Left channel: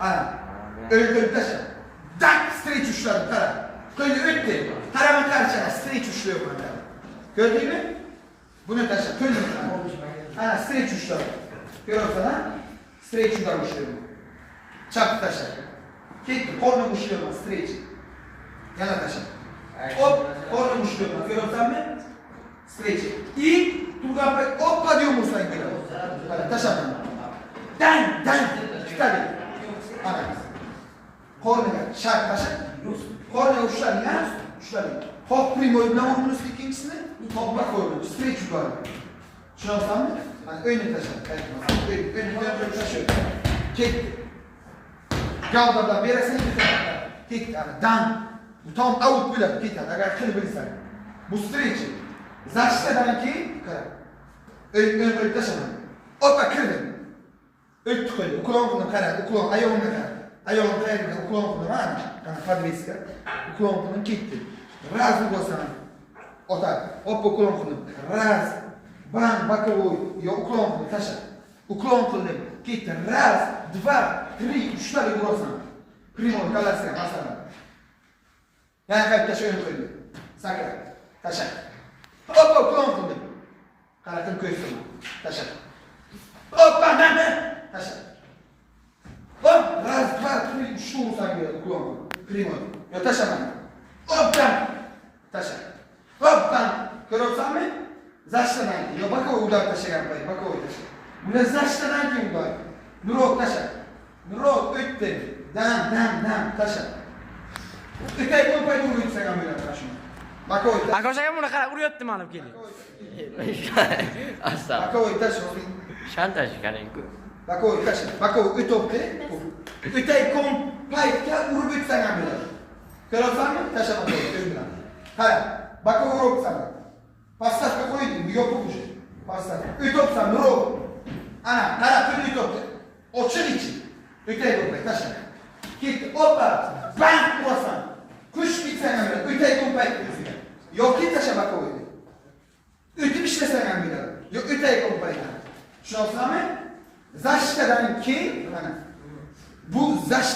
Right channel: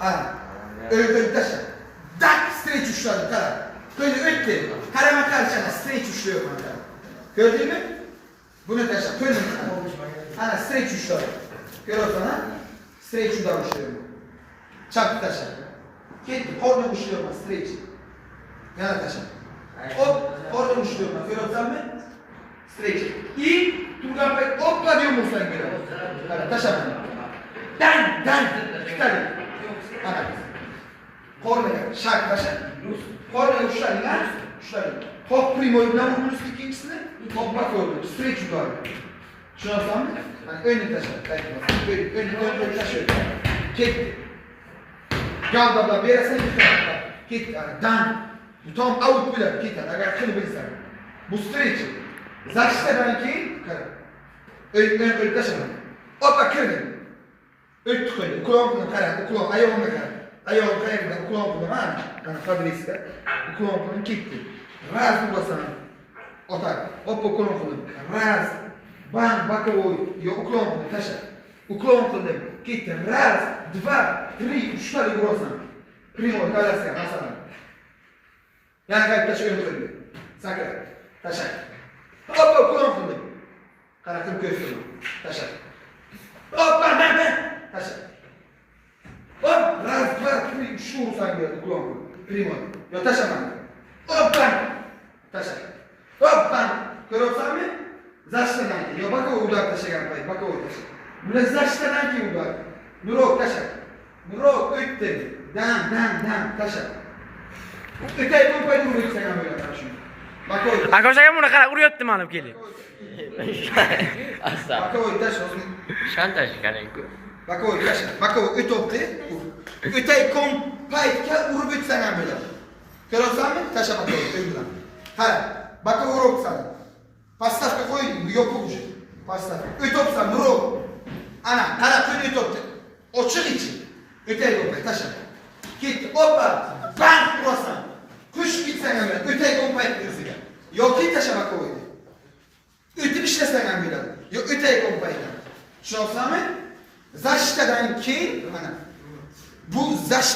Ana. Öyle taşa. Dak streç uçladı kara. Böyle öttü. Karama karşına streç uçluyor bana. Gördün mü? Bunu taşa. Böyle ana streç uçladı. Gör o sana. Streç uçlar uçluyor. Çak taşa. Gitti. Orada uçluyor bana streç. Yana taşa. Hop. Orada uçluyor bana. Gör o sana mı? Streç. İyi. Turgan Bey hopla diyor musun sen böyle? Taşa bana. Dan. Tabii. Ana. Kornaya şark taşa. Kornaya uçlarına. Hop primoyu ne vurdunuz ikincisini? Topla koydunuz. Streç yukarı. Şunu alsam mı? Hani önüne taşa. Önüne taşa. Gitti. Gavda bir yere sen gitti. Gitti. Dan. Bu tam out bile. Gitti. Agar kılı bilsen. Bu streç. Zaçtadan ki ön taşa. Hoppa kırdın. Öttü koydu. Kulağımını karadı. Kulağım ayağımını karadı. Ayağımı kayırdı. Kulağımını ha. Kana kadrisi. Kulağımını gitti. Raz bu basana. Otak. Hoppa kulağımını. Raz. Bam bakovoy. Yok kulağımını taşa. Kulağımını gitti. Raz. Dva. Tri. Üçleri grosan. Primo kalasya. Masana. Yani kayıp taşı ön koydu. Sakra. Taşa. Hoppa kulağımını. Kanatım köşkünü. Taşa. Hoppa taşa. Hop, raz, dva, tri, üçlü olsan geldi kulağımı. Primo. Yo taşa bana. Hoppa. Taşa. Hoppa. Görüyorsan mı? Zaçtanan ki. Yo bak o udak taşa yapayım. Bak o taşa. Buna zaçtanan ki udak. Nurok taşa. Nurok ötteni. Dan taşa. Ötey bu payı vuruyor sen böyle taşın. Bak o taşa. Akoşaga buna qara urayaptimi alıp kelib. Assa. Bak o taşa. Shantaj qarang. Bak o taşa. Bak o ötopti. Ötey kompaytga urib ötsan ham bo'ladi. Ko'rasizmi? Taşa bak o ötülan. Qara. Bak o urib sana. Pastavka qo'ying, yopiq уже. Pastavka. Ötopsan urib. Ana, qara qo'yni ötopti. Ochiq ichi. Ötey kompay taşa. Ketdi. Hoppa. Bang urasan. Kush bitsan ham bo'ladi. Ötey kompayt o'ziga. Yoki taşa bak o. Ötüp işlesen ham bo'ladi. Yo ötey kompaytdan. Tushunasizmi? Zaçtadan keyin mana bu zaçta